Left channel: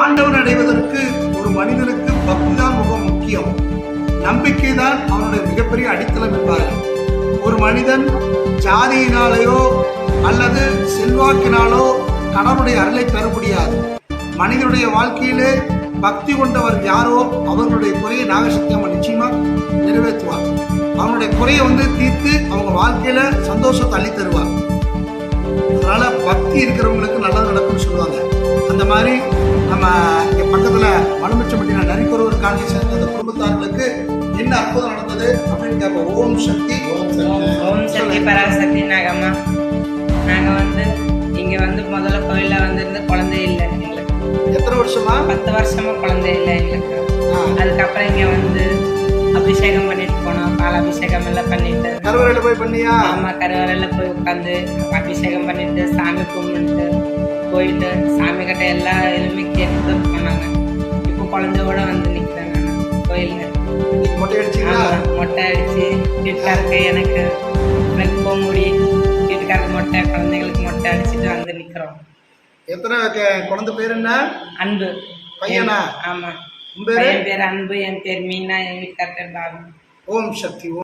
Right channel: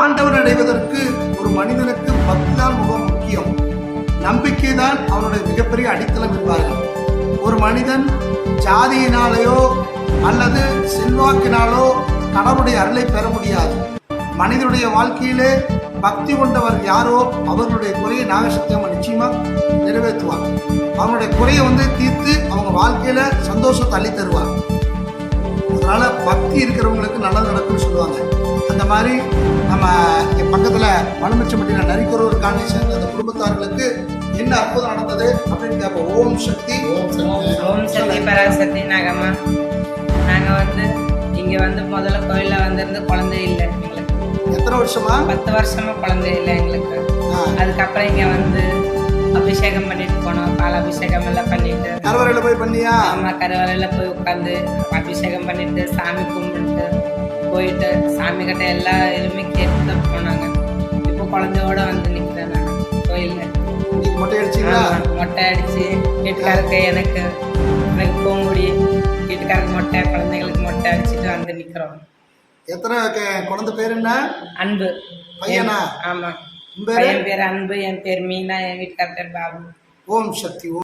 ஆண்டவன் அடைவதற்கு ஒரு மனிதனுக்கு பக்தி தான் மிக முக்கியம். நம்பிக்கை தான் அவனுடைய மிகப்பெரிய அடித்தளம் என்பார்கள். ஒரு மனிதன் ஜாதியினாலேயோ அல்லது செல்வாக்கினாலோ கடவுளுடைய அருளை பெற முடியாது. மனிதனுடைய வாழ்க்கையிலே பக்தி கொண்டவர் யாரோ அவர்களுடைய குறையை நாகசக்தி அம்மன் நிச்சயமா நிறைவேற்றுவார். அவனுடைய குறையை வந்து தீர்த்து அவங்க வாழ்க்கையில சந்தோஷத்தை அள்ளி தருவார் அதனால பக்தி இருக்கிறவங்களுக்கு நல்லது நடக்கும்னு சொல்லுவாங்க. அந்த மாதிரி நம்ம இங்க பக்கத்துல மலுமிச்சம்பட்டின நரிக்குறவர் காலனி சேர்ந்த அந்த குடும்பத்தார்களுக்கு என்ன அற்புதம் நடந்தது அப்படின்னு கேட்போம் ஓம் சக்தி. ஓம் சக்தி. ஓம் சக்தி பராசக்தி நாகம்மா. நாங்கள் வந்து இங்கே வந்து முதல்ல கோயிலில் வந்திருந்து குழந்தை இல்லை எங்களுக்கு. எத்தனை வருஷமா? பத்து வருஷமா குழந்தை இல்லை எங்களுக்கு. அதுக்கப்புறம் இங்கே வந்து அபிஷேகம் பண்ணிட்டு போனோம். பால் அபிஷேகம் எல்லாம் பண்ணிட்டு. கருவறையில போய் பண்ணியா? அம்மா கருவறையில் போய் உட்காந்து அபிஷேகம் பண்ணிட்டு சாமி கும்பிட்டு போயிட்டு சாமி கிட்ட எல்லா இதுவுமே கேட்டு தான் போனாங்க. இப்போ குழந்தையோட வந்து நிற்கிறேன் நான் கோயிலில். மொட்டை அடிச்சு வீட்டுக்காருக்கு எனக்கு எனக்கு போக முடியும் வீட்டுக்காருக்கு மொட்டை குழந்தைங்களுக்கு மொட்டை அடிச்சுட்டு வந்து நிக்கிறோம். எத்தனை குழந்தை பேர் என்ன? அன்பு. பையனா? ஆமா. உன் பேரு? அன்பு என் பேர் மீனா என் வீட்டுக்கார் பேர் பாபு. ஓம் சக்தி